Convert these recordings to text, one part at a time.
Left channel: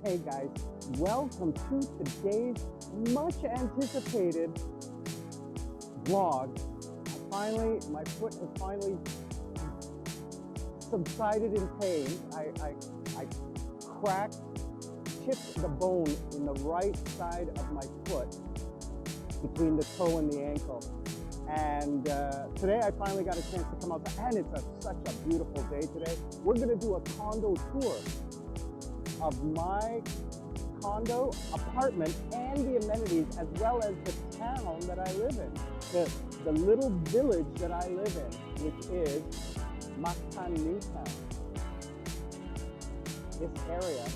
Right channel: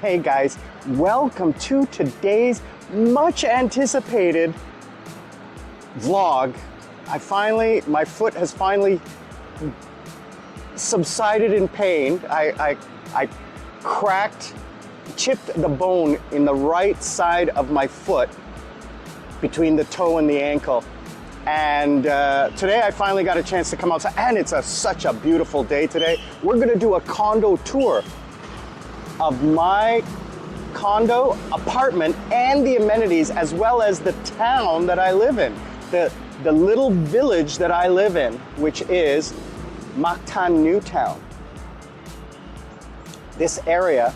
Hey guys, welcome to today's much anticipated vlog. My foot has finally subsided in pain. I chipped the bone in the right side of my foot between the toe and the ankle. And today I finally got a chance to come outside, and it's such a beautiful day today. We're gonna do a condo tour of my condo, apartment, and the amenities, as well as the town that I live in, the little village that I live in, which is Mactan Newtown. This area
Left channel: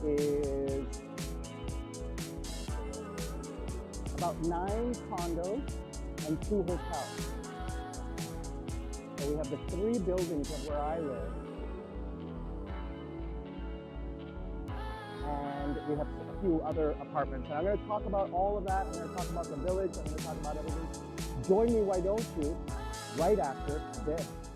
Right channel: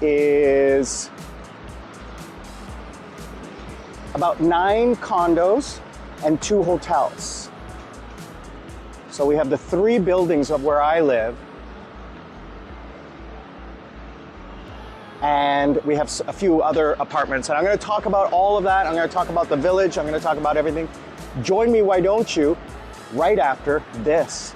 is about 9 condos and 2 hotels. So we have the 3 buildings of where I live, and we have a few other apartments. And I'm gonna talk about all of that. I'm gonna talk about the village. I'm gonna talk about everything. Join me, why don't you, right after this.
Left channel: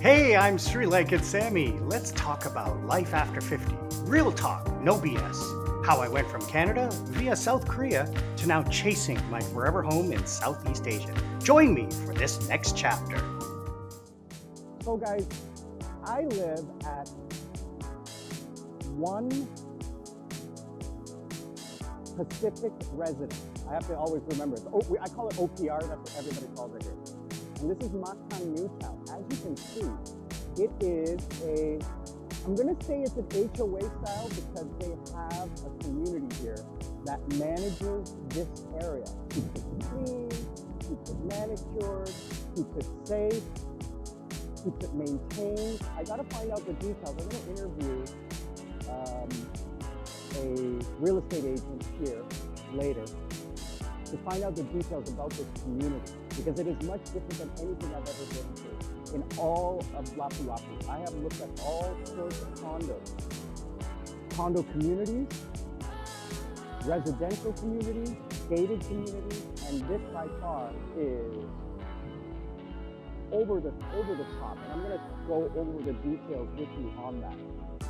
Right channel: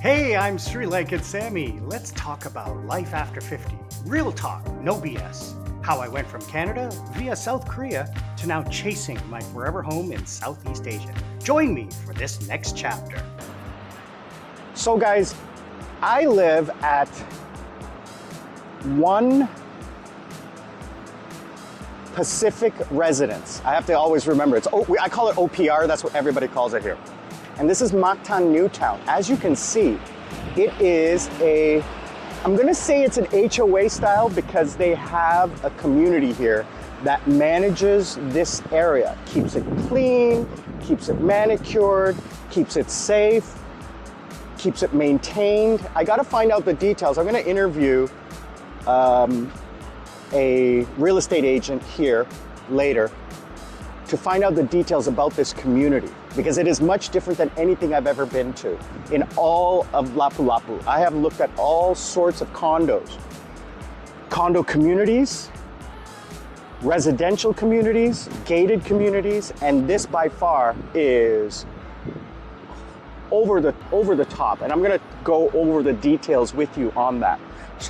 Hey, I'm Sri Lankan Sammi. Let's talk about life after 50. Real talk, no BS. How I went from Canada via South Korea to now chasing my forever home in Southeast Asia. Join me for this next chapter. So guys, I live at 1 Pacific Residence. I have to always remember, I call it OPR, that's what everybody calls it here. And this is Mactan Newtown. As you can see, it is I'm gonna say it's an HOA style because they have a community here that manages this area, keeps it clean, keeps it manicured, keeps it safe, keeps it maintained. I gotta find out the details. I'm gonna interview a real estate agent here later to find out the details about this community, because it is much different than anything I've ever been to in all of Lapu-Lapu. I have looked at all sorts of condos, condo communities, residential communities, gated communities, and this by far is over the top. And I'm gonna go over the details with you on that.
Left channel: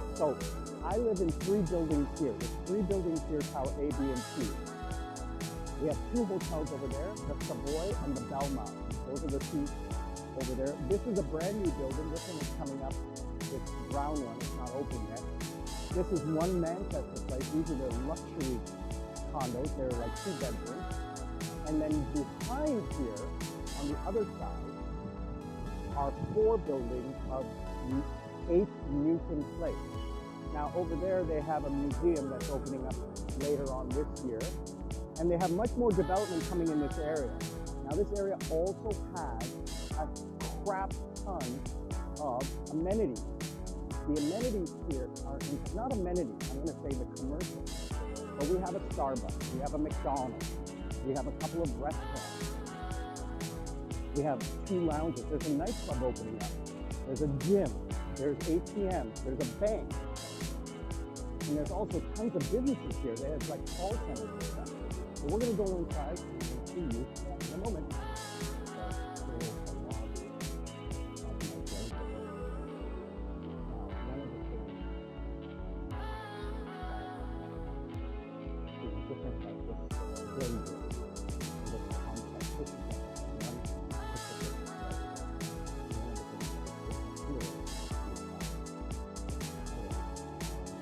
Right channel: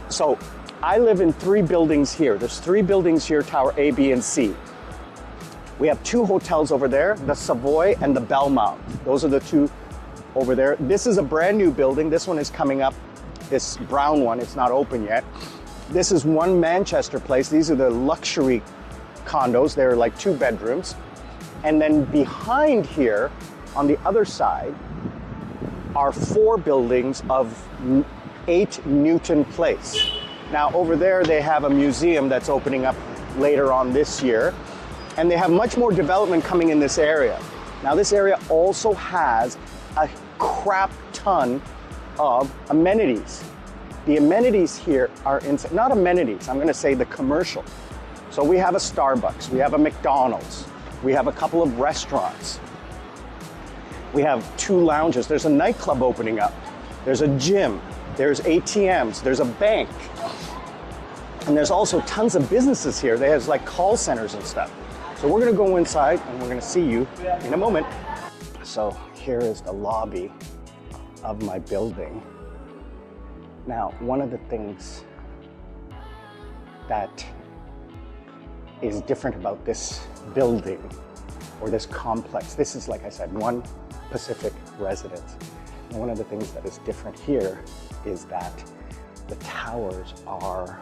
So I live in 3 buildings here. There's 3 buildings here, Tower A, B, and C. We have 2 hotels over there, the Savoy and the Belmont. Those are the 2 over there. This is a brand new building. This one is coming up, this brown one. It's not open yet. This is One Manchester Place. These are the luxury condos. They're like 2 bedrooms. And then behind here, on the other side, are 4 buildings of 8 Newton Place. Now over there, they have a museum that's opening up later on this year. And they have much more development coming in this area. Now this area also has a crap ton of amenities. The amenities here are not amenities, I'm gonna say the commercial. So we have a Starbucks, we have a McDonald's, we have a couple of restaurants. We have 2 lounges, there's a nightclub opening up, there's a gym, there's ATMs, there's a bank. And there's also tons of businesses here. There's like call centers and stuff. So we're gonna go inside and we're gonna see you in a moment. So here is the lobby of my building. Now, one of the things that is different about this building or this complex, this is, like I said, 1 Pacific Residence. And one of the things that is different here is that the towers are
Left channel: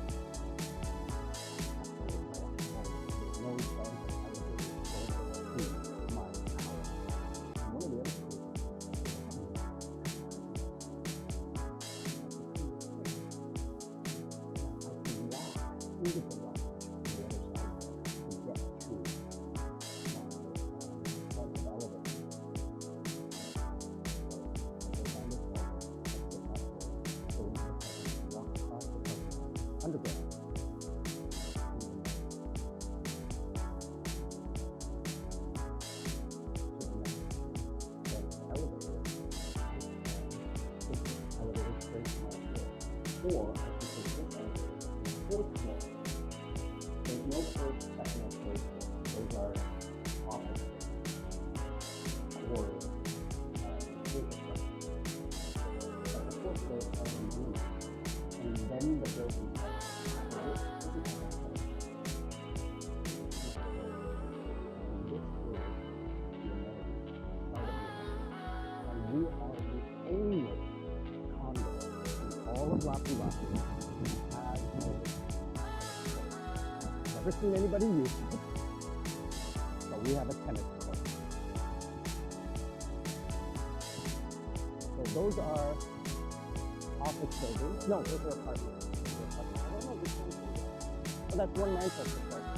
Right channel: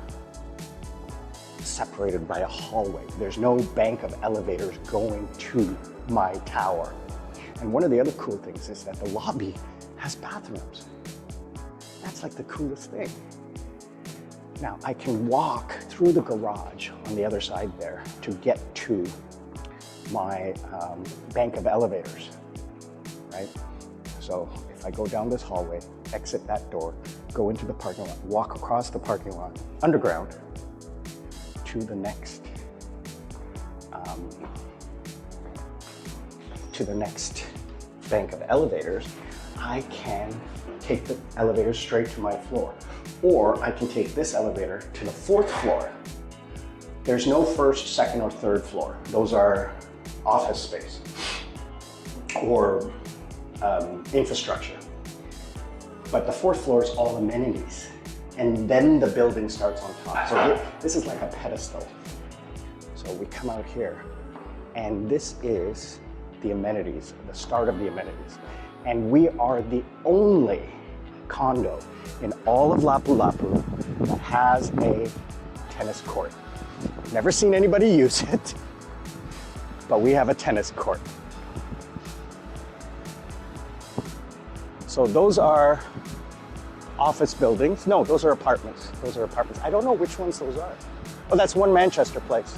separated by a hallway. There's no bank of elevators going to my tower. And one of the other cool things is that the lobby has bathrooms. That's like the coolest thing. Now I can walk through the garage on the other side there to get to my bank of elevators, right? So if I go down this hallway, exit that door, go into the parking lot, walk across the parking lot, underground, to the next bank of elevators, I can take the elevator straight to my floor. Or I can take this elevator to the 4th floor. There's no 1st, 2nd, or 3rd floor. Those are office space or infrastructure. But the 4th floor is all amenities. and then the building starts on top. So this is like a pedestal. So we come out here, and this is the amenities, the start of the amenities. And we are the only condo in all of Lapu-Lapu that has a tennis court. Never seen anybody use it, but we have a tennis court. So those are office buildings. No, those are apartments. Those are apartments. I don't know which ones those are. Oh, that's One Manchester Place.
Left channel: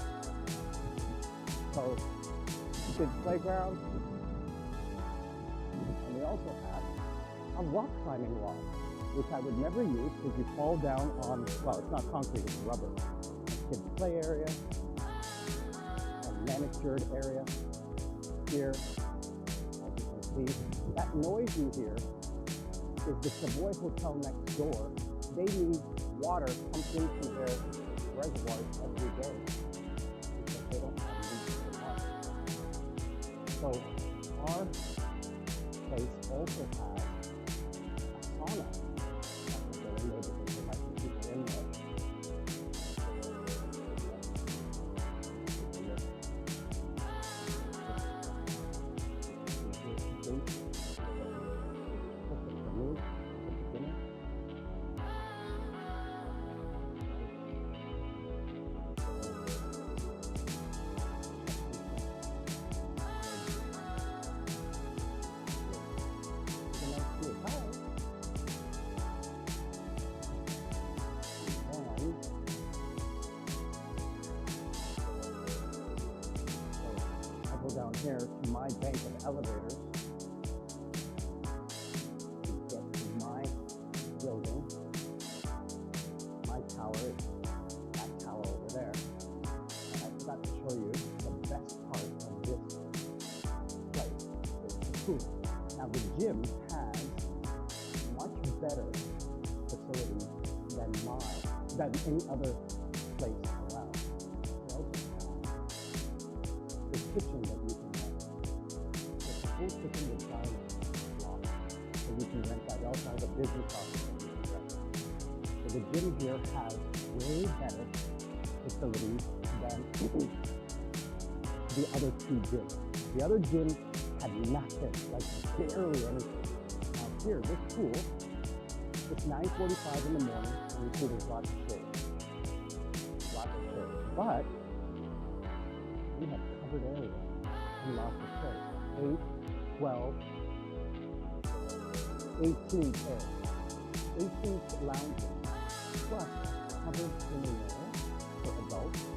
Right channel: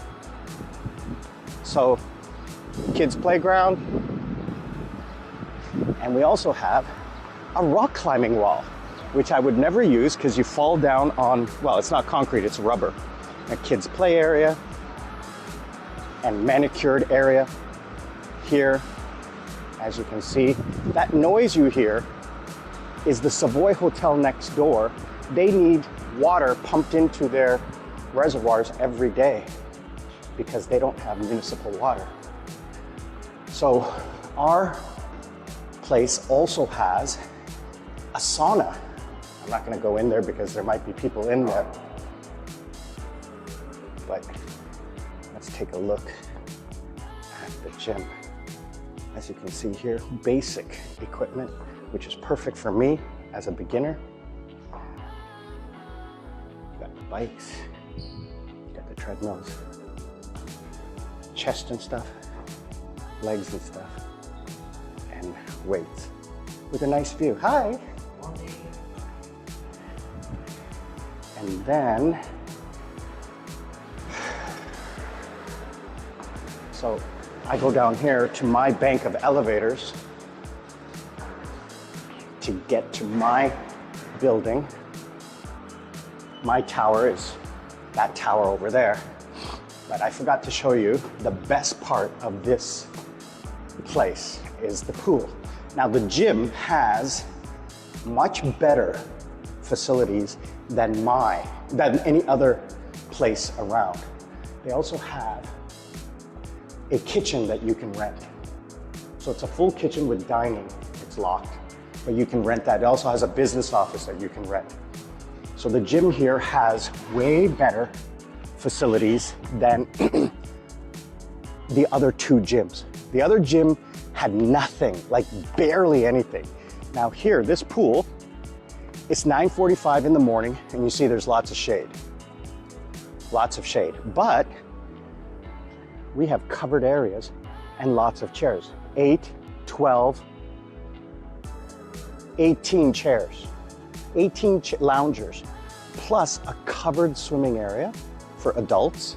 So, kids' playground. And we also have a rock climbing wall, which I would never use because you fall down on, well, it's not concrete, it's rubber. A kids' play area and manicured area here. As you can see, that noise you hear is the Savoy Hotel next door. They need water pumped into their reservoirs every day because they don't have municipal water. So our place also has a sauna. I'm not gonna go in there because there might be people in there. But let's take a look at the gym. As you can see here, basic equipment, which is perfect for me as a beginner. Got the bikes, got the treadmills, chest and stuff, legs and stuff, and weights with a nice view. Hi! And then, so I go down here to my bank of elevators to get to my building. My tower is that tower over there. But I forgot to show you the best part of this place is the pool. Now the gym has much better facilities than any other place around. They also have a kitchen that you can rent. So it's a full kitchen with dining. It's locked, but you can rent that. It also has a business office that you can rent. So the gym here has way better facilities than the other two gyms. The other gym had nothing, like barely anything. Now here, this pool, it's 9:45 in the morning, and you see there's lots of shade. Lots of shade, but we have covered areas and lots of chairs. 8, 12, 18 chairs, 18 loungers, plus a covered swimming area for adults,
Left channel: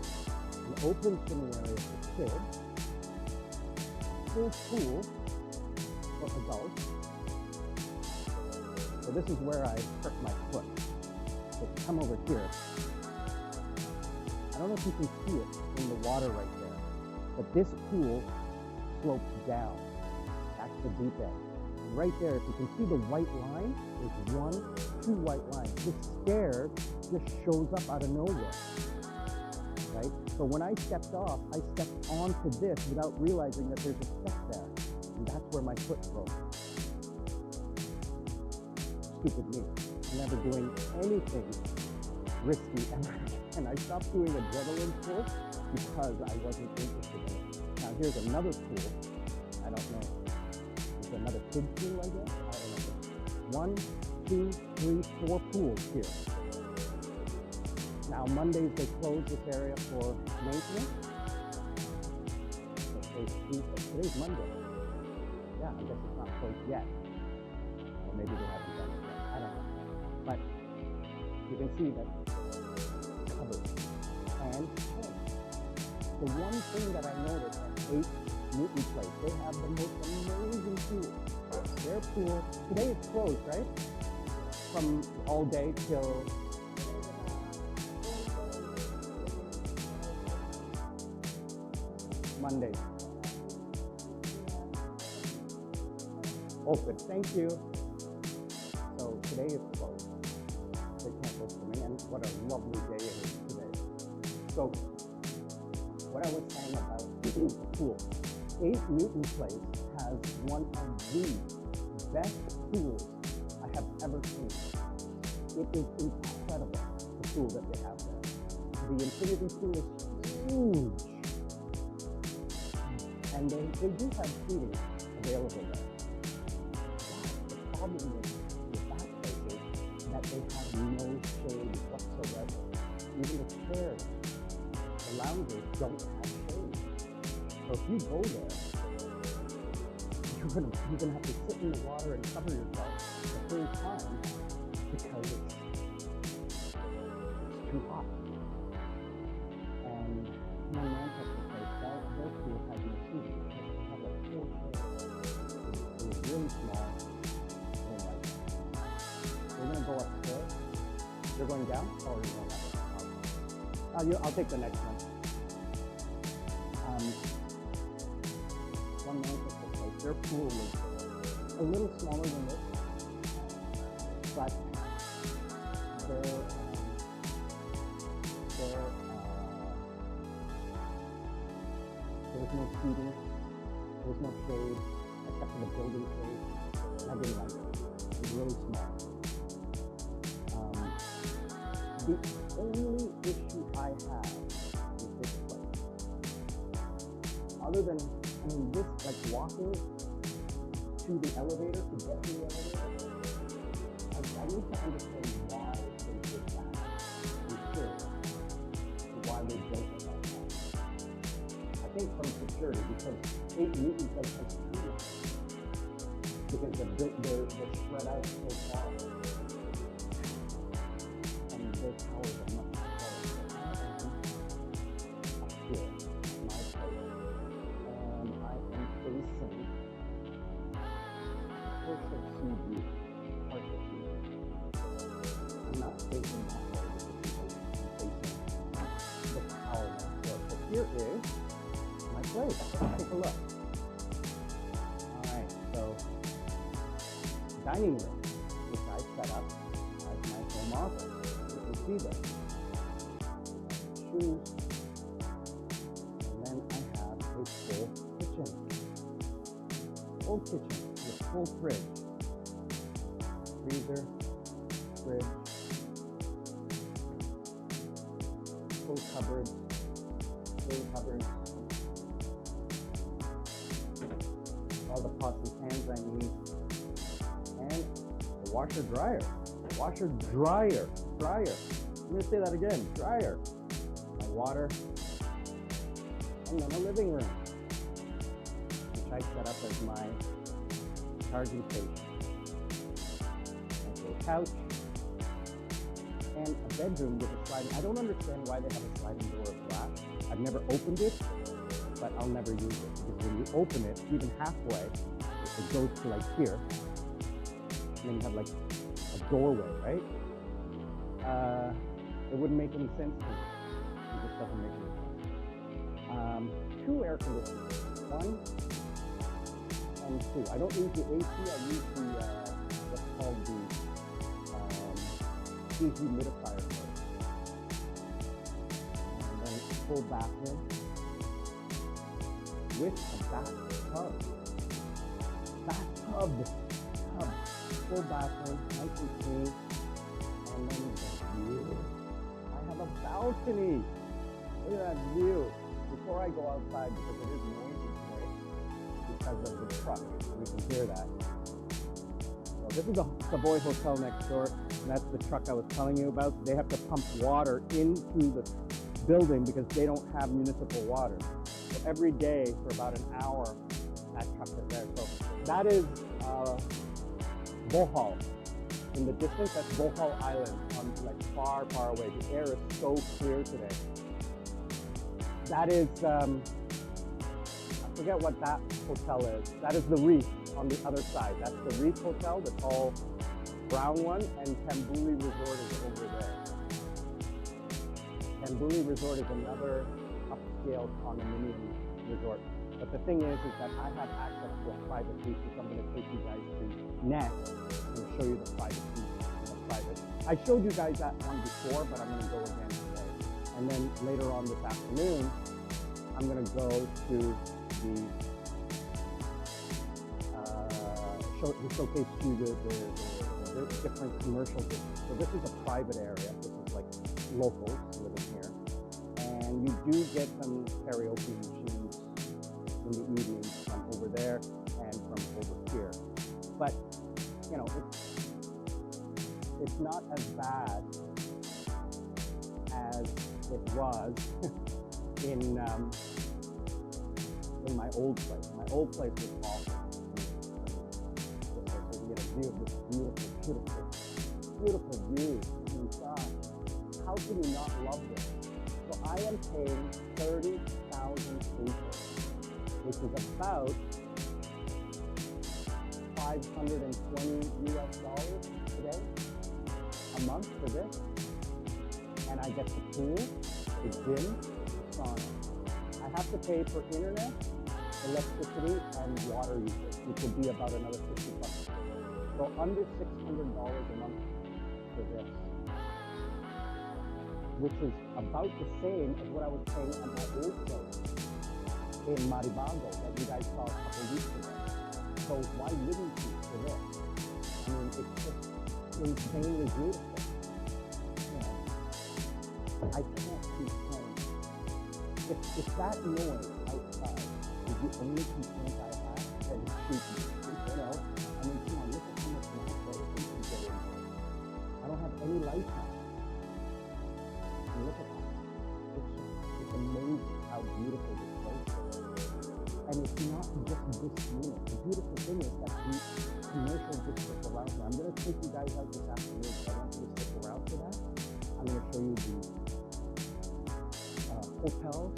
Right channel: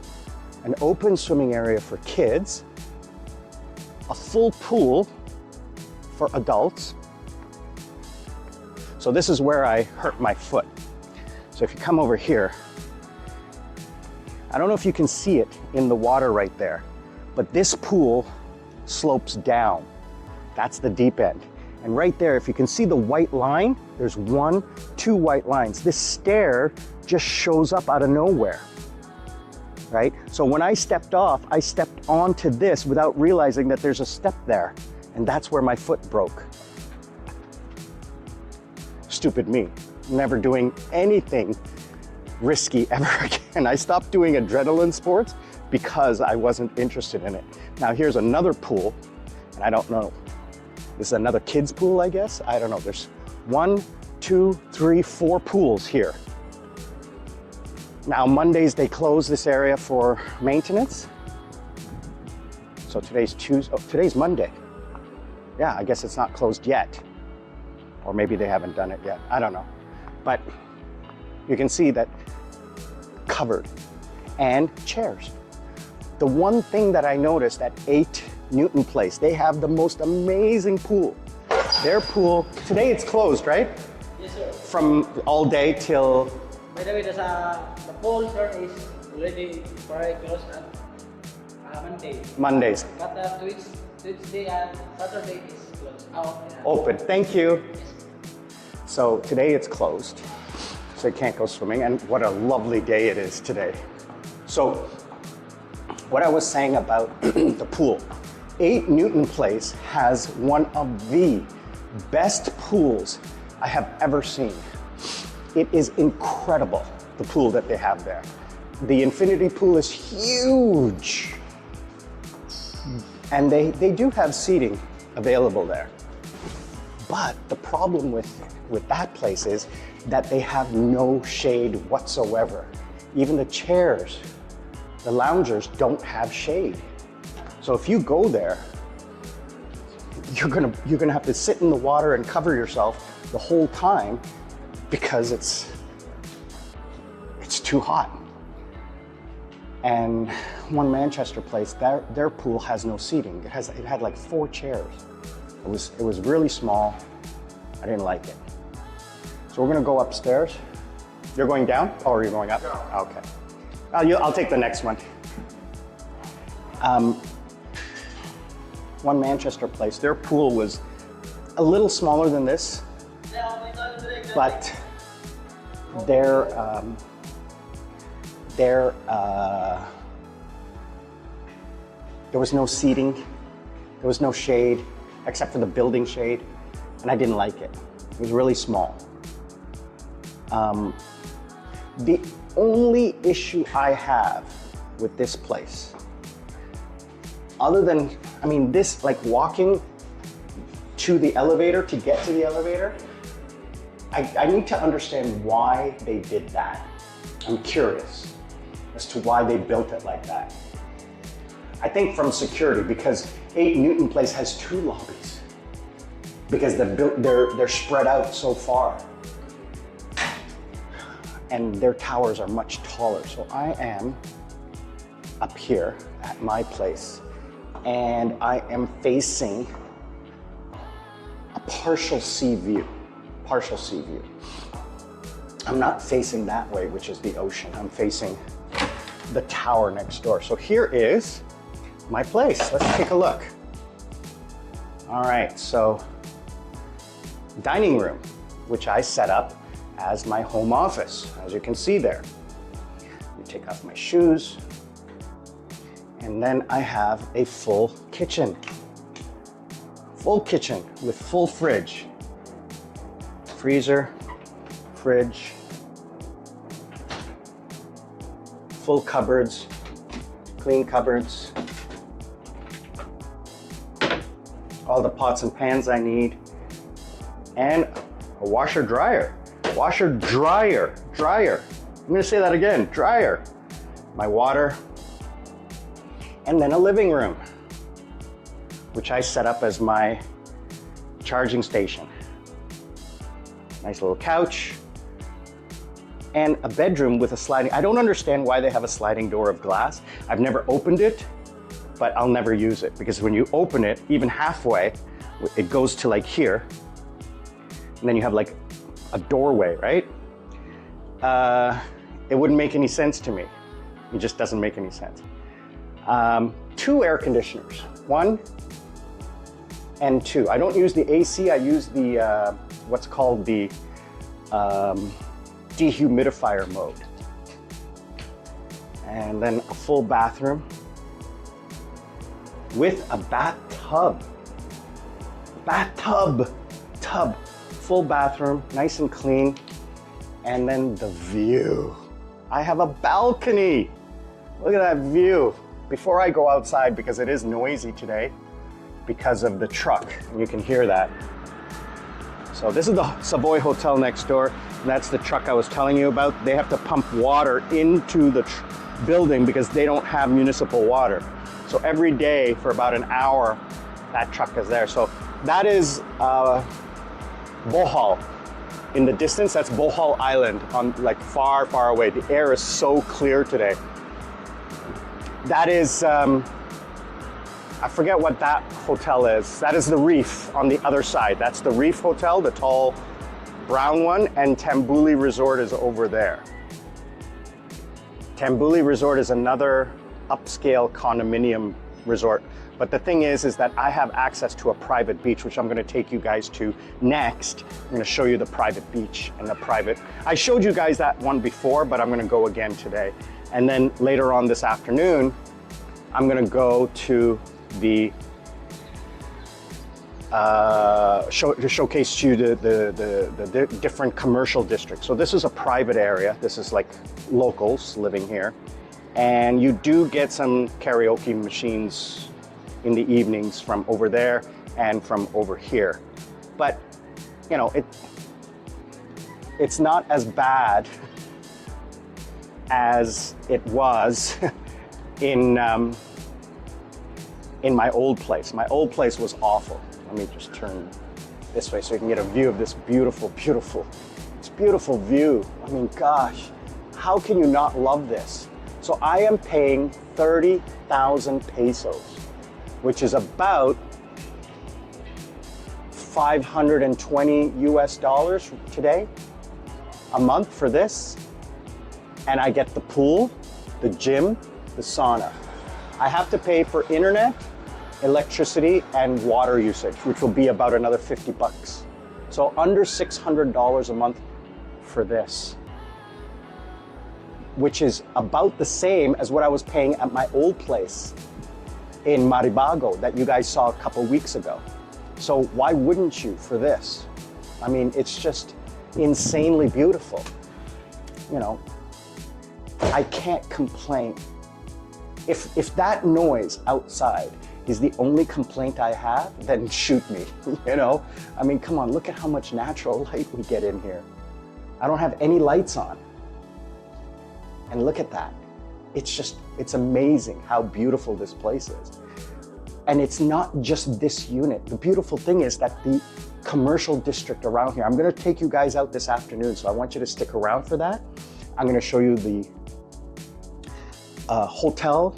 an open swimming area for kids, a full pool for adults. So this is where I hurt my foot. So if you come over here, I don't know if you can see it in the water right there, but this pool slopes down. That's the deep end. And right there, if you can see the white line, there's 1, 2 white lines. This stair just shows up out of nowhere, right? So when I stepped off, I stepped onto this without realizing that there's a step there. And that's where my foot broke. Stupid me, never doing anything risky ever again. I stopped doing adrenaline sports because I wasn't interested in it. Now here's another pool, and I don't know. This is another kids pool, I guess. I don't know. There's 1, 2, 3, 4 pools here. Now Mondays they close this area for maintenance. So today's Tuesday. Oh, today's Monday. Yeah, I guess it's not closed yet. Or maybe they haven't done it yet. I don't know. But you can see that covered and chairs. The one thing that I noticed at 8 Newton Place, they have the most amazing pool. Their pool, today it's closed, right? Yes, sir. From all day till? By the way, the pool term is already closed on Monday. Mondays. But Tuesday and Saturday is closed. Open, thank you. So today it's closed, so you can't go swimming, and what a lovely day it is today. So what I was saying about the pool, 8 Newton Place has one of the best pools I have ever seen. It is incredible, the pool that they have there. The infinity pool is huge. And they do have seating available there. But the problem with that place is that they have no shade whatsoever. Even the chairs, the loungers don't have shade. So if you go there, you're gonna have to sit in the water and cover yourself the whole time because it's too hot. And one Manchester place, their pool has no seating. It had like 4 chairs. It was really small. I didn't like it. So we're gonna go upstairs. You're going down? Oh, are you going up? No. Okay. I'll take the next one. One Manchester place, their pool was a little smaller than this, but there was no seating, there was no shade, except for the building shade, and I didn't like it. It was really small. The only issue I have with this place, other than, I mean, this, like walking to the elevator, to get to the elevator, I need to understand why they did that. I'm curious as to why they built it like that. I think from security, because 8 Newton Place has 2 lobbies, because they're spread out so far. And their towers are much taller. So I am up here at my place, and I am facing a partial sea view. I'm not facing that way, which is the ocean. I'm facing the tower next door. So here is my place. Let's take a look. All right, so dining room, which I set up as my home office, as you can see there. Let me take off my shoes. And then I have a full kitchen. Full kitchen with full fridge. Freezer, fridge, full cupboards, clean cupboards. All the pots and pans I need. And a washer dryer. Washer dryer. I'm gonna say that again, dryer. My water. And then a living room, which I set up as my charging station. Nice little couch. And a bedroom with a sliding, I don't understand why they have a sliding door of glass. I've never opened it, but I'll never use it, because when you open it, even halfway, it goes to like here. And then you have like a doorway, right? It wouldn't make any sense to me. It just doesn't make any sense. 2 air conditioners, 1 and 2. I don't use the AC, I use the, what's called the dehumidifier mode. And then a full bathroom with a bathtub. Full bathroom, nice and clean. And then the view. I have a balcony. Look at that view. Before I go outside, because it is noisy today because of the truck, and you can hear that. So this is the Savoy Hotel next door. That's the truck I was telling you about. They have to pump water into the building because they don't have municipal water. So every day for about an hour, that truck is there. So that is Bohol. In the distance, that's Bohol Island, on like far, far away. The air is so clear today. That is, I forget what that hotel is. That is the Reef on the other side. That's the Reef Hotel, the tall brown one, and Tambuli Resort is over there. Tambuli Resort is another upscale condominium resort. But the thing is that I have access to a private beach, which I'm gonna take you guys to next. I'm gonna show you the private beach and the private. I showed you guys that one before, but I'm gonna go again today. And then later on this afternoon, I'm gonna go to the to showcase to you the different commercial districts. So this is a private area. This is like locals living here. And you do get some karaoke machines in the evenings from over there and from over here. But, you know, it's not as bad as it was in my old place. My old place was awful. Let me just turn this way so you can get a view of this beautiful view. I mean, gosh, how can you not love this? So I am paying 30,000 pesos, which is about 520 US dollars today, a month for this. And I get the pool, the gym, the sauna. I have to pay for internet, electricity, and water usage, which will be about another 50 bucks. So under $600 a month for this, which is about the same as what I was paying at my old place in Maribago that you guys saw a couple weeks ago. So why wouldn't you for this? I mean, it's just insanely beautiful. You know, I can't complain. If that noise outside is the only complaint I have, then shoot me, you know? I mean, come on, look at how much natural light we get in here. I don't have any lights on. And look at that. It's amazing how beautiful this place is. And it's not just this unit. The beautiful thing is that the commercial district around here, I'm gonna take you guys out this afternoon, so I want you to stick around for that. I'm gonna show you the hotel,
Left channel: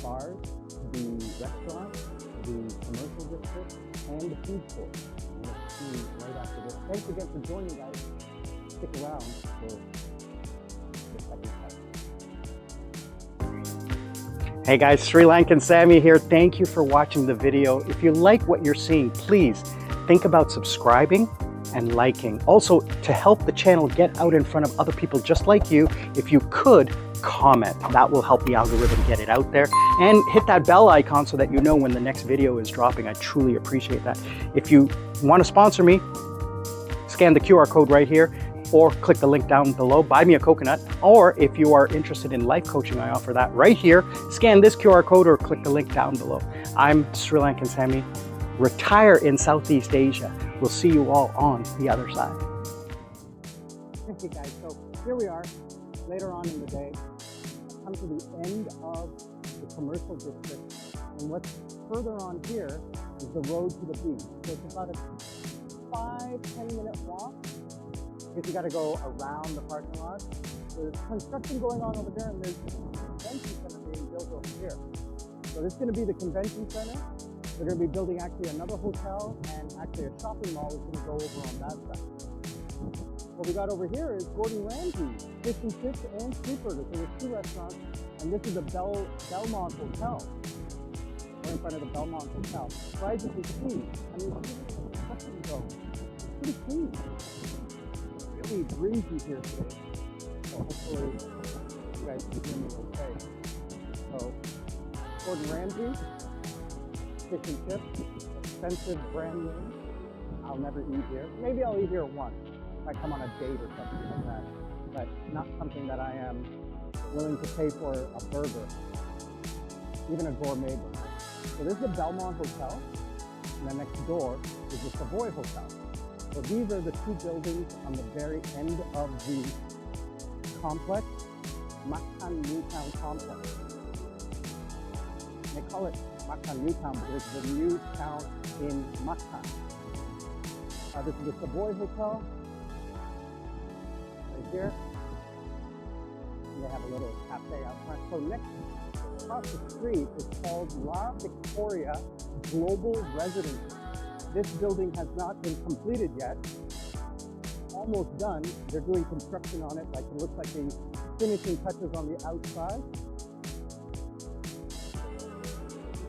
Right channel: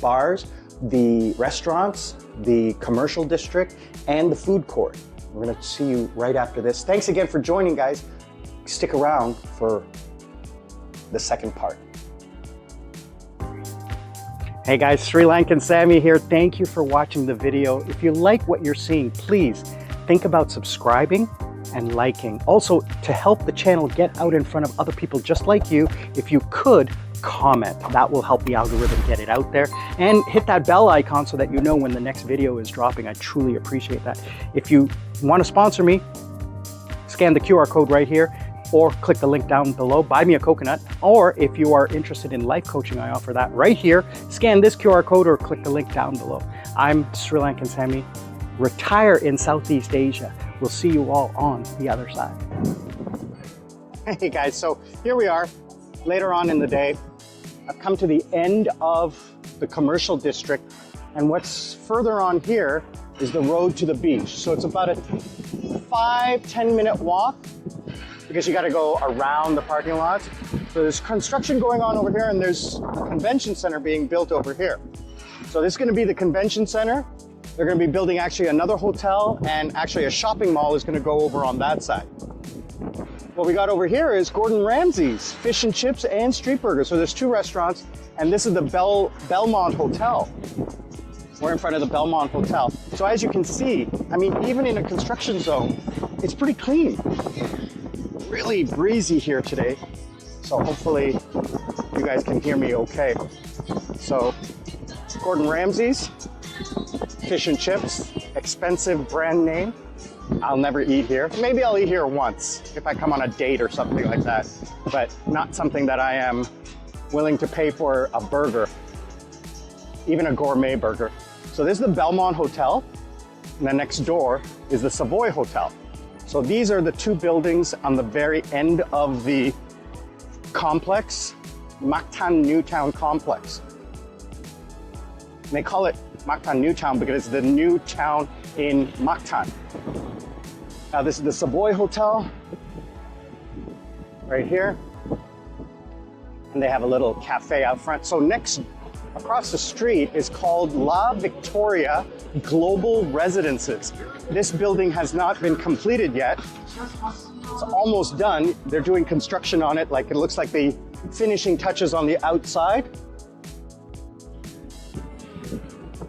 bars, the restaurants, the commercial district, and the food court. We're gonna see you right after this. Thanks again for joining, guys. Stick around for the second part. Hey guys, Sri Lankan Sammi here. Thank you for watching the video. If you like what you're seeing, please think about subscribing and liking. Also, to help the channel get out in front of other people just like you, if you could comment, that will help the algorithm get it out there. And hit that bell icon so that you know when the next video is dropping. I truly appreciate that. If you want to sponsor me, scan the QR code right here, or click the link down below, buy me a coconut. Or if you are interested in life coaching, I offer that right here. Scan this QR code or click the link down below. I'm Sri Lankan Sammi, retire in Southeast Asia. We'll see you all on the other side. Hey guys, so here we are, later on in the day. I've come to the end of the commercial district, and what's further on here is the road to the beach. So it's about a 5-10 minute walk, because you got to go around the parking lot. So there's construction going on over here, and there's a convention center being built over here. So this is going to be the convention center. They're going to be building actually another hotel, and actually a shopping mall is going to go over on that side. What we got over here is Gordon Ramsay's Fish and Chips and Street Burgers. So there's two restaurants, and this is the Belmont Hotel. We're in front of the Belmont Hotel. So as you can see, I mean, even in a construction zone, it's pretty clean. Really breezy here today, so hopefully you guys can hear me okay. So Gordon Ramsay's Fish and Chips, expensive brand name. I'll never eat here. Maybe I'll eat here once if I come on a date or something like that, but not something that I am willing to pay for a burger, even a gourmet burger. So this is the Belmont Hotel, and then next door is the Savoy Hotel. So these are the two buildings on the very end of the complex, Mactan Newtown complex. And they call it Mactan Newtown because it's the new town in Mactan. Now this is the Savoy Hotel, right here. And they have a little cafe out front. So next, across the street is called La Victoria Global Residences. This building has not been completed yet. It's almost done. They're doing construction on it. Like, it looks like the finishing touches on the outside.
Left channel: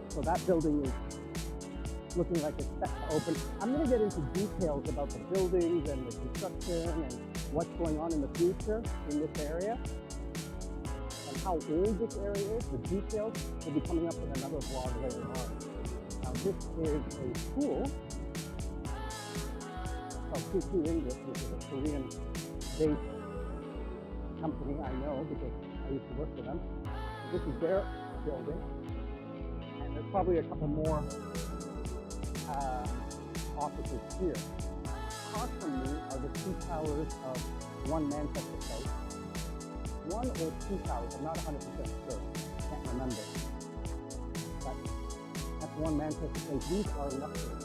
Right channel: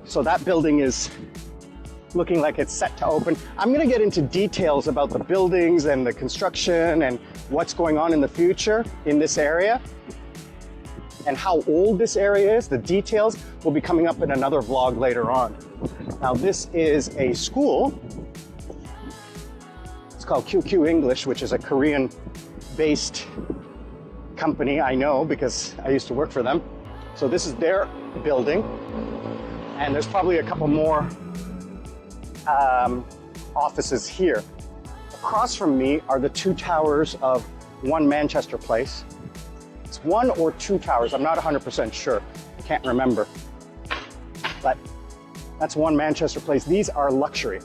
So that building is looking like it's set to open. I'm gonna get into details about the buildings and the construction and what's going on in the future in this area and how old this area is. The details will be coming up in another vlog later on. Now this is a school. It's called QQ English, which is a Korean-based company. I know because I used to work for them. So this is their building. And there's probably a couple more offices here. Across from me are the two towers of One Manchester Place. It's one or two towers, I'm not 100% sure, can't remember. But that's One Manchester Place. These are luxury.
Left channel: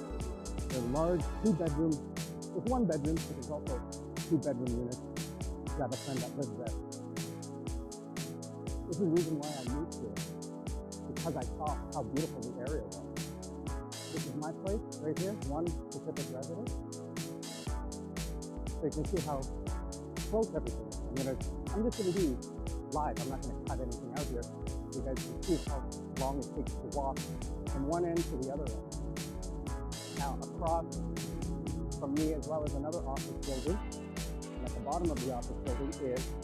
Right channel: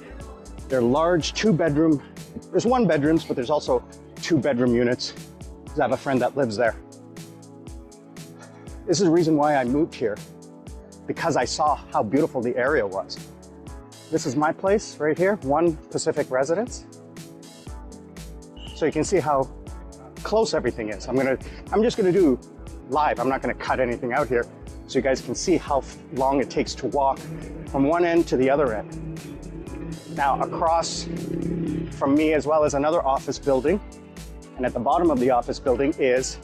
They're large, two-bedroom. There's one bedrooms, but there's also two-bedroom units. I have a friend that lives there. This is the reason why I moved here, because I saw how beautiful the area was. This is my place right here, One Pacific Residence. So you can see how close everything is. I'm just gonna do live. I'm not gonna cut anything out here, so you guys can see how long it takes to walk from one end to the other end. Now across from me as well as another office building, and at the bottom of the office building is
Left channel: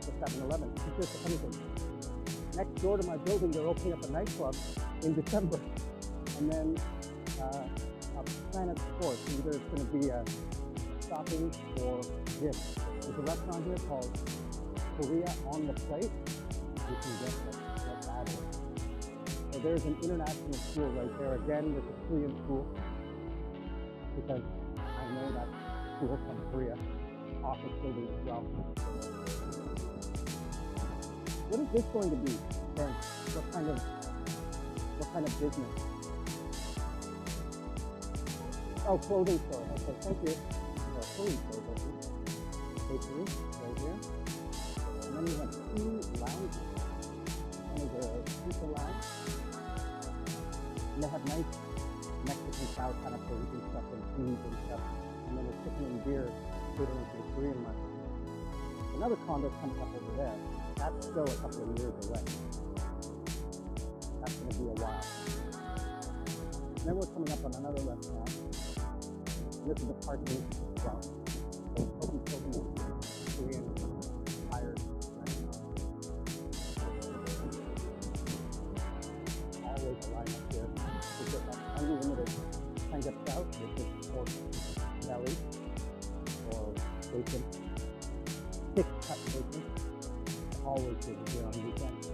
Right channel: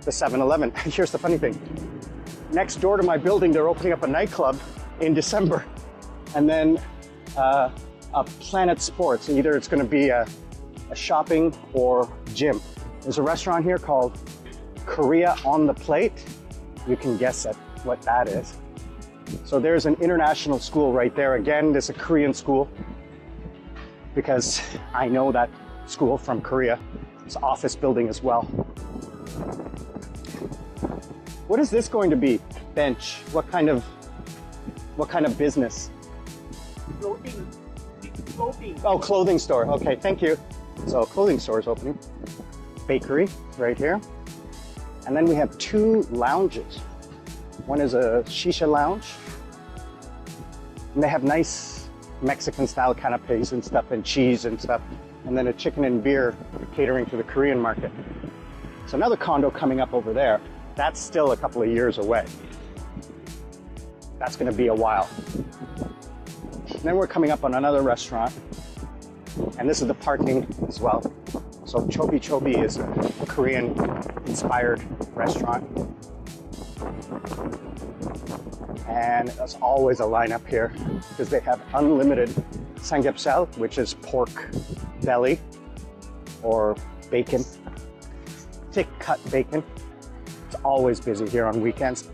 the 7-Eleven. Here's the funny thing. Next door to my building, they're opening up a nightclub in December, and then a Planet Sports. Either it's gonna be a shopping or gym. There's a restaurant here called Korea on the Plate. You can guess at what that is. So there's an international school right there. Again, there's a Korean school because I know that school from Korea. It's an office building as well. What is this going to be? Bench. What kind of business? Clothing. Oh, clothing store. Okay, thank you. So clothing store is opening. Bakery right here. And then we have two lounges. One is a shisha lounge. And they have nice Mexican style canapes and stuff and cheese and stuff. And then a chicken and beer catering to the Korean market. So another condo coming up over there. That's still a couple of years away. That's gonna be a while. And then we're coming up on another restaurant. And this is the parking as well. So Chobi Chobi is a Korean-inspired restaurant. And there's always a lineup here because they have unlimited samgyeopsal, which is pork belly or bacon, thick cut bacon. It's always busy here on weekends.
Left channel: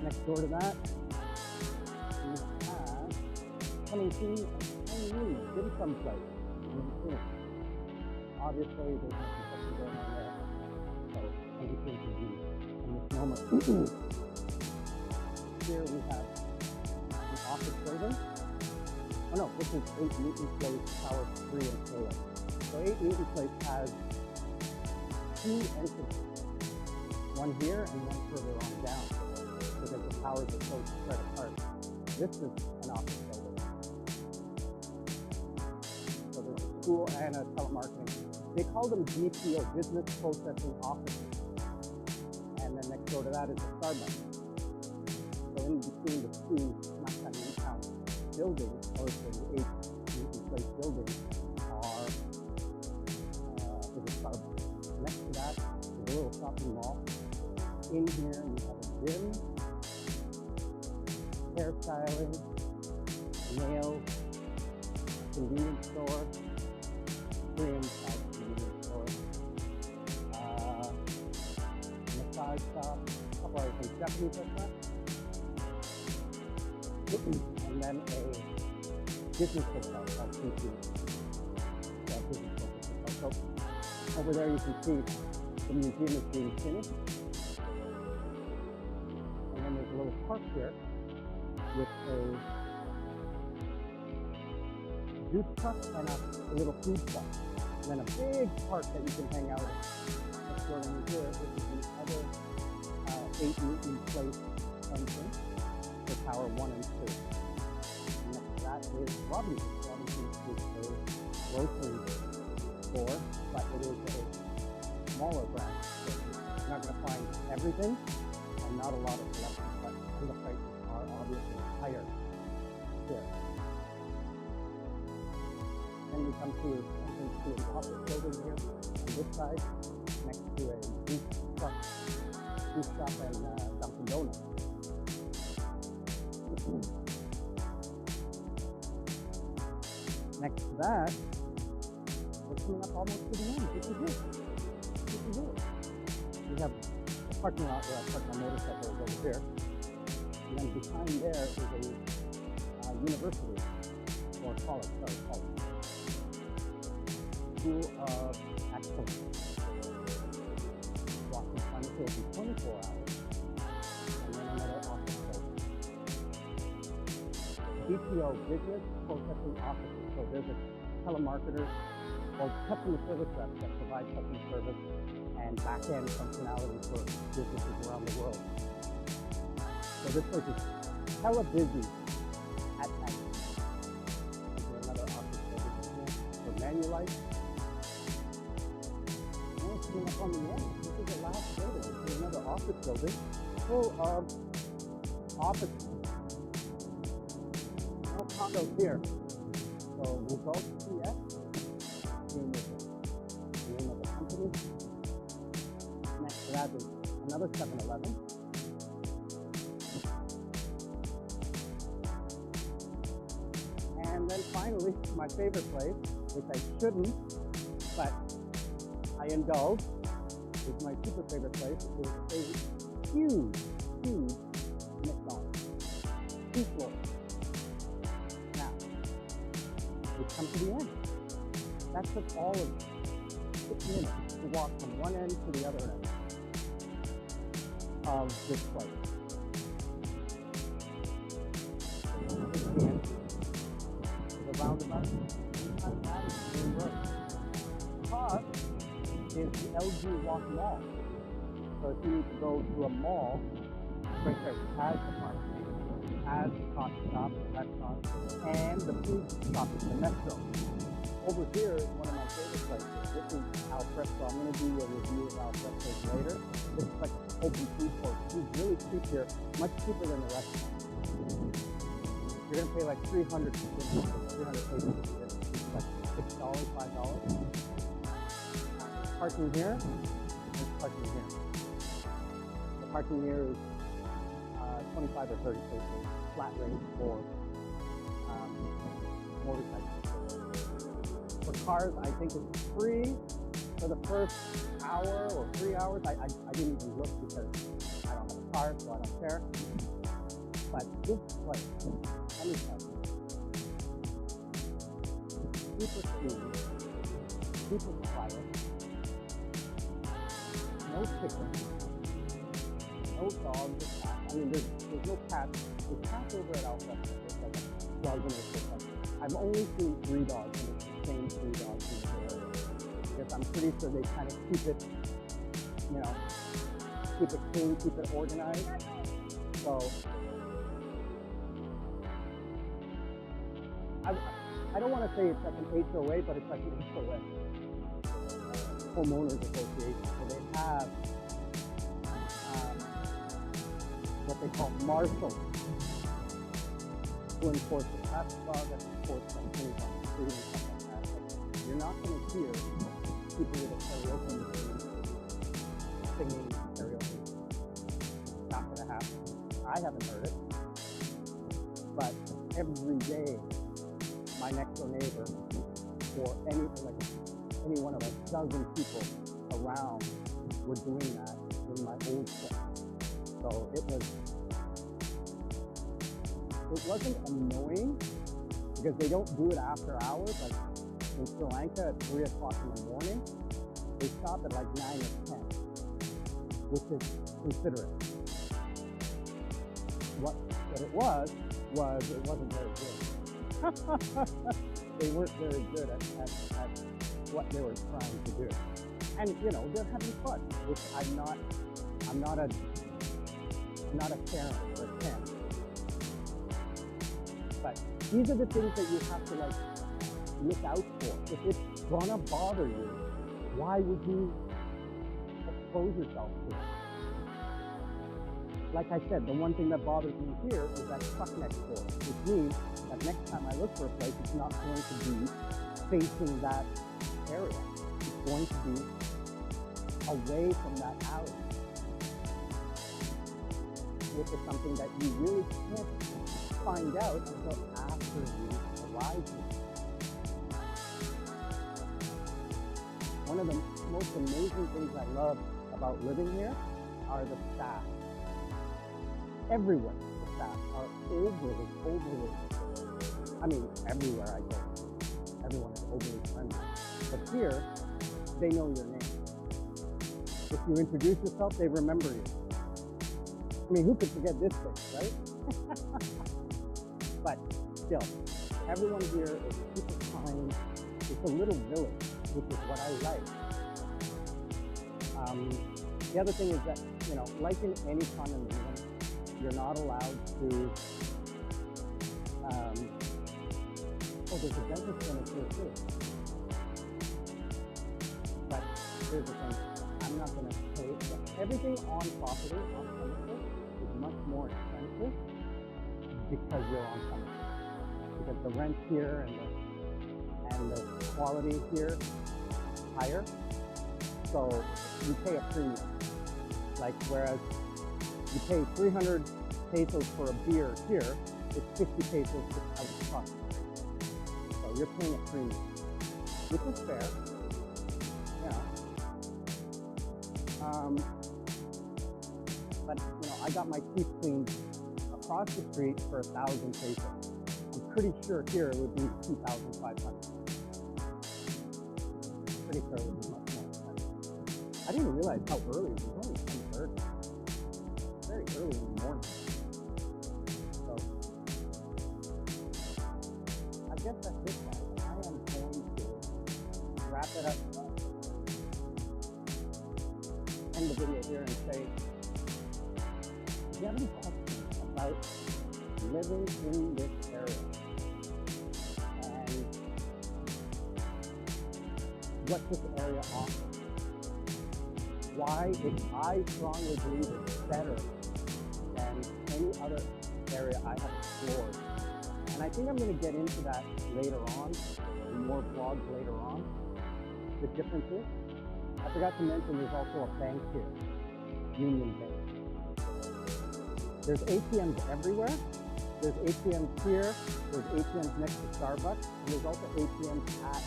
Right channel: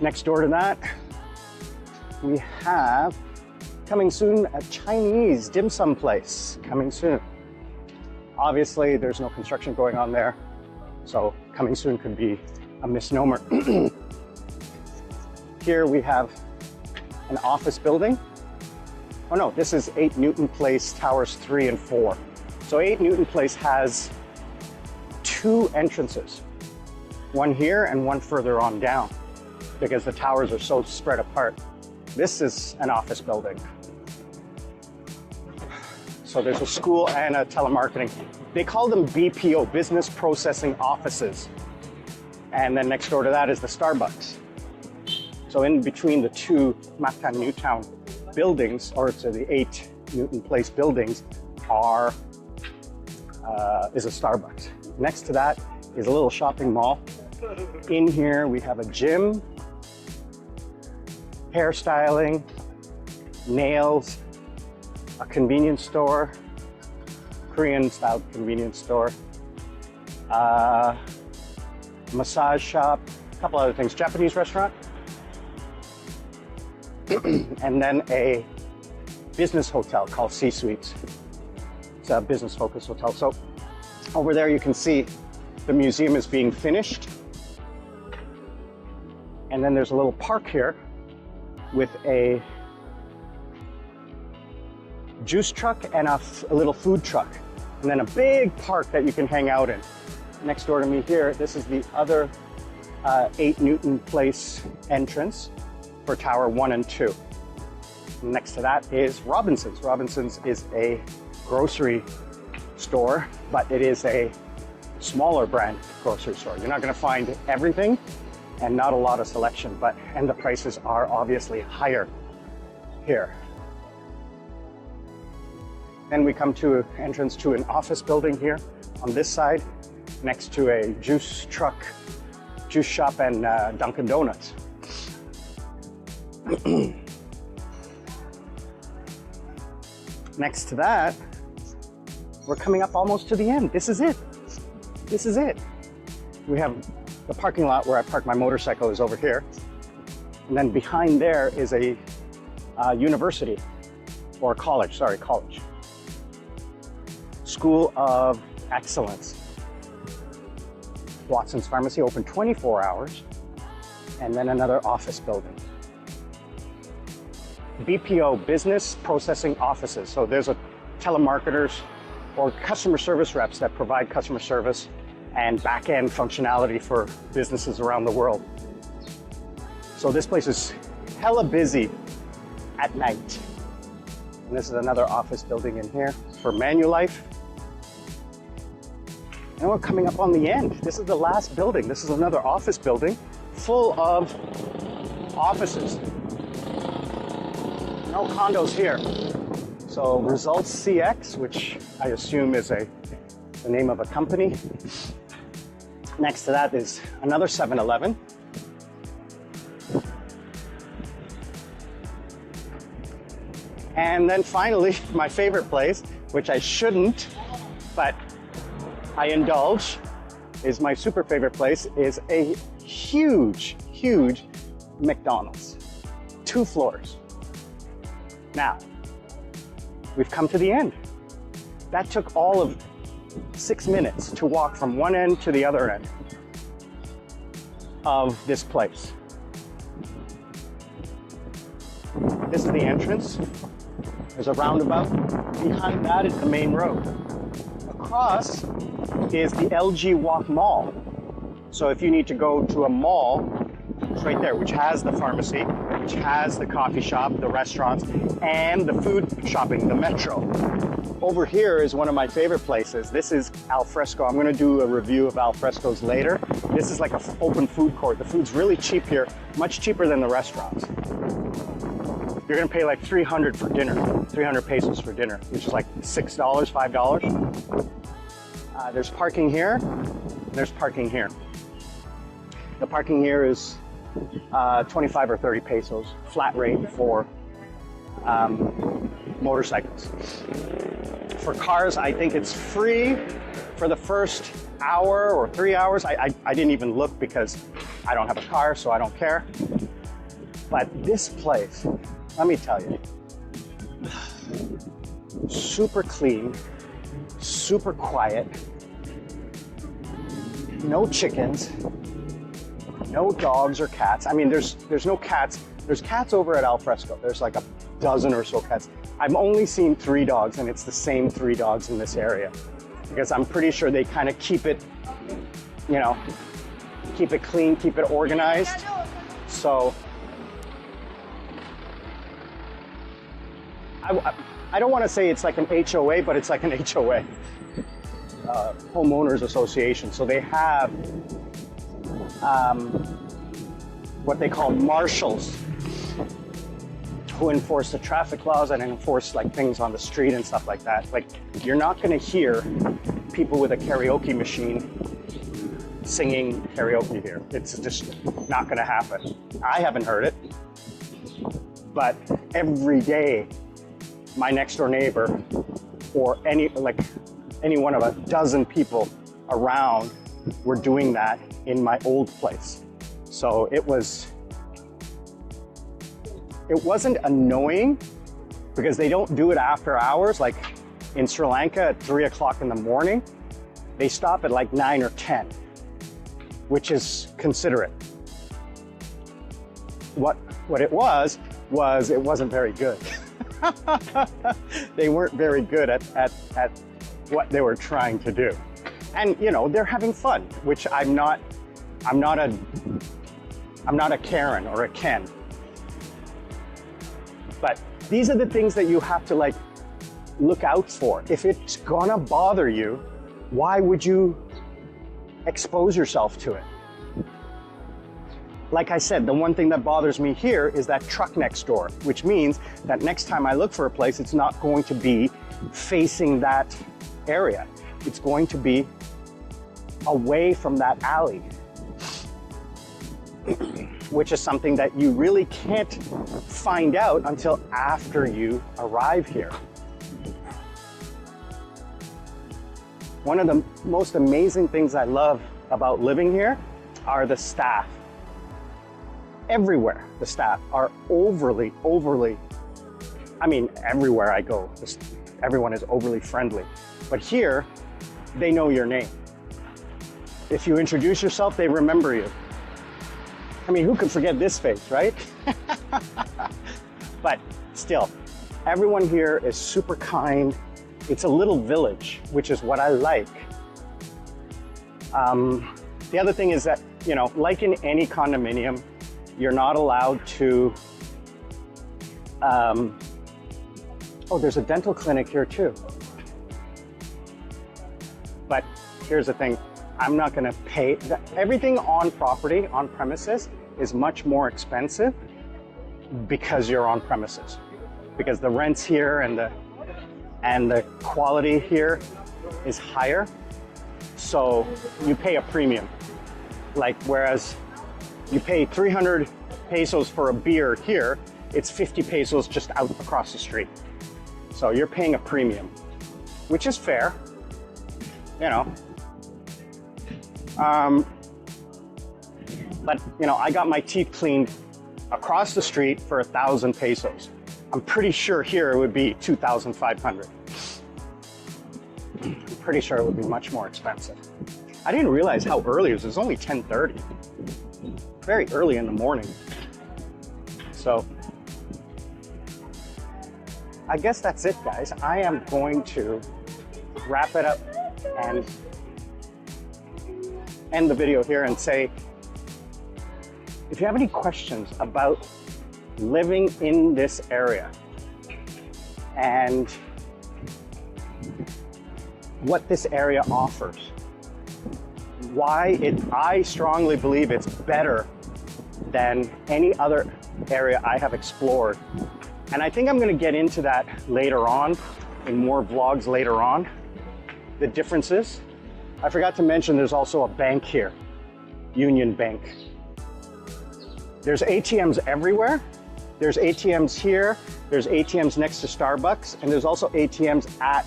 Next door to that, we have coming soon a Chinese dim sum place coming soon. Obviously, there's no construction going on there, so coming soon could be a misnomer. Here we have an office building. Oh no, this is 8 Newton Place, Towers 3 and 4. So 8 Newton Place has two entrances, one here and one further on down, because the towers are so spread apart. This is an office building. So there's a school and a telemarketing. They call them BPO, Business Processing Offices. And then next door to that is the Starbucks. So in between the two Mactan Newtown buildings, or to the 8 Newton Place buildings, is a Starbucks. Next to that is a little shopping mall. In here we have a gym, hairstyling, nails, a convenience store, Korean style convenience store, massage shop, a couple other things, Japanese restaurant, and then a business hotel called C Suites. It's a business focused hotel. So over there you can see the museum is being finished. And then there's a little park here with a juice truck and a little food truck. And then a big park that you can hang out in. Next door to me here, this is the other 8 Newton Place entrance for Tower 1 and 2. Next to that is Robinson's. Robinson's is a grocery store, but it is a smaller brand grocery store. You're not gonna find everything and not a lot of selection, and the prices are obviously higher here. Then we come to an entrance to an office building here on this side, next to a juice truck, juice shop, and Dunkin' Donuts. Next to that, we're coming up almost to the end. This is it. This is it. We have the parking lot where I park my motorcycle is over here. And then behind there is a university, or college, sorry, college. School of Excellence. Watson's Pharmacy open 24 hours. And then another office building. BPO, business processing offices. So there's a telemarketers or customer service reps that provide customer service and back-end functionality for businesses around the world. So this place is hella busy at night. And this is another office building in here for ManuLife. And we're coming up on the end. This is the last building. This is another office building full of offices. No condos here. So Results CX, which I assume is the name of a company. Next to that is another 7-Eleven. And then finally, my favorite place, which I shouldn't, but I indulge, is my super favorite place, is a huge, huge McDonald's. 2 floors. Now, we've come to the end. That took all of 6 minutes to walk from one end to the other end of this place. This is the entrance. There's a roundabout. Behind that is the main road. Across is the LG Walk Mall. So if you need to go to a mall, it's right there, which has the pharmacy, which has the coffee shop, the restaurants, and the food shopping, the metro. Over here is one of my favorite places. This is Al Fresco. I'm gonna do a review of Al Fresco's later. This is like an open food court. The food's really cheap here, much cheaper than the restaurants. You're gonna pay like 300 for dinner, 300 pesos for dinner, which is like $6, $5. There's parking here, there's parking here. The parking here is 25 or 30 pesos, flat rate for motorcycles. For cars, I think it's free for the first hour or 3 hours. I didn't even look because I don't have a car, so I don't care. But this place, let me tell you, super clean, super quiet, no chickens, no dogs or cats. I mean, there's no cats. There's cats over at Al Fresco. There's like a dozen or so cats. I've only seen 3 dogs, and it's the same 3 dogs in this area, because I'm pretty sure they kind of keep it, you know, keep it clean, keep it organized. So I don't want to say it's like an HOA, but it's like an HOA, homeowners association. So they have what they call marshals who enforce the traffic laws and enforce like things on the street and stuff like that. Like, you're not going to hear people with a karaoke machine singing karaoke here. It's just not going to happen. I haven't heard it, but every day my next door neighbor or any one of a dozen people around were doing that in my old place. So it wasn't annoying because they don't do it after hours. Like in Sri Lanka at 3 o'clock in the morning, they stop at like 9 or 10, which is considerate. What it was it wasn't very good. They weren't very good at what they were trying to do. And you know, they're having fun, which I'm not a Karen or a Ken. But these are the things that you have to like look out for. If it's gonna bother you, why would you expose yourself to it? Like I said, the one thing that bothers me here is that truck next door, which means that next time I look for a place, it's not going to be facing that area. It's going to be away from that alley. which is something that you really can't find out until after you arrive here. One of the most amazing things I love about living here are the staff. Everywhere, the staff are overly, I mean, everywhere I go, everyone is overly friendly. But here, they know your name. If you introduce yourself, they remember you. I mean, who could forget this face, right? But still, everyone here is super kind. It's a little village, which is what I like. The other thing is that, you know, like in any condominium, you're not allowed to, oh, there's a dental clinic here too. But here's the thing, I'm not gonna pay, everything on property, on premises, is much more expensive because you're on premises. Because the rents here and the quality here is higher, so you pay a premium. Like, whereas you pay 300 pesos for a beer here, it's 50 pesos just out across the street. So you're paying a premium, which is fair, you know. But, you know, I got my teeth cleaned across the street for 1,000 pesos. I'm pretty sure here it would be 2,500. I'm pretty sure it would be much more expensive. I didn't realize how early it was. It was only 10:30. Very early in the morning. So I guess that's it, guys. I am going to wrap it up and end the video here and say, if you have any questions about living in this area and what this area offers, I strongly believe it's better than any other area I have explored. And I think I'm going to get into that later on, in more vlogs later on, the differences. I forgot to mention there's also a bank here, UnionBank. There's ATMs everywhere. There's ATMs here, there's ATMs next to Starbucks, and there's also ATMs at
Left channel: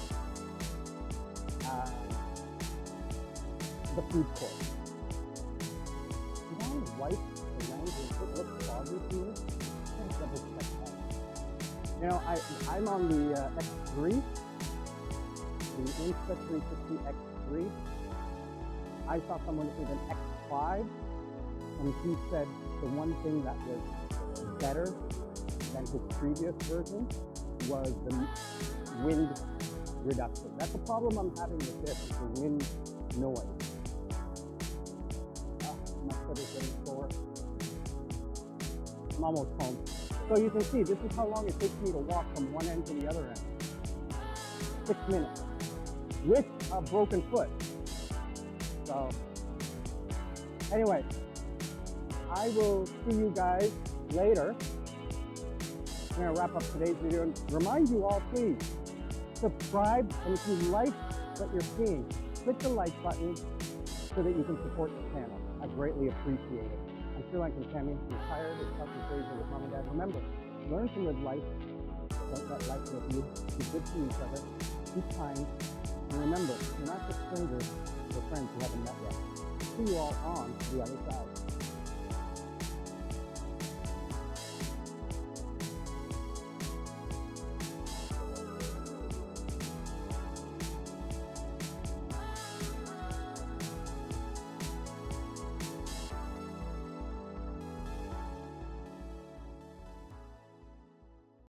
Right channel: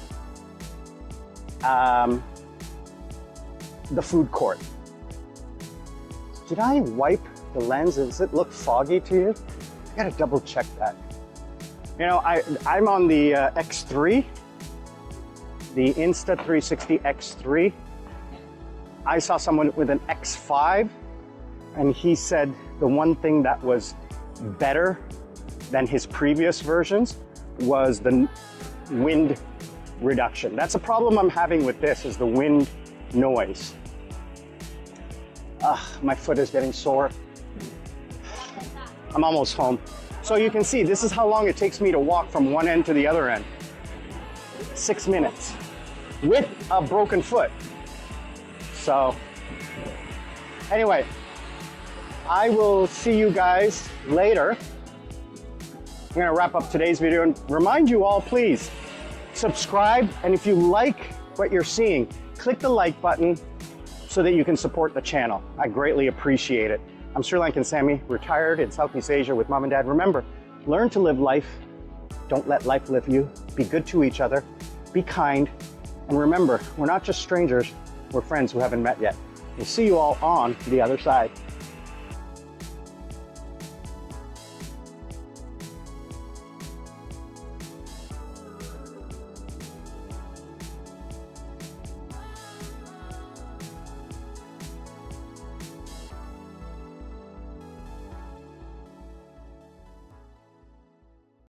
the food court. Did I wipe the lens? Does it look foggy to you? I gotta double check that. You know, I'm on the X3, the Insta360 X3. I saw someone with an X5, and he said the one thing that was better than his previous versions was the wind reduction. That's a problem I'm having with this, is the wind noise. My foot is getting sore. I'm almost home. So you can see, this is how long it takes me to walk from one end to the other end. 6 minutes with a broken foot. So anyway, I will see you guys later. I'm gonna wrap up today's video and remind you all, please subscribe, and if you like what you're seeing, click the like button so that you can support the channel. I greatly appreciate it. I'm Sri Lankan Sammi, retired in Southeast Asia with mom and dad. Remember, learn to live life. Don't let life live you. Be good to each other. Be kind. And remember, we're not just strangers, we're friends who haven't met yet. We'll see you all on the other side.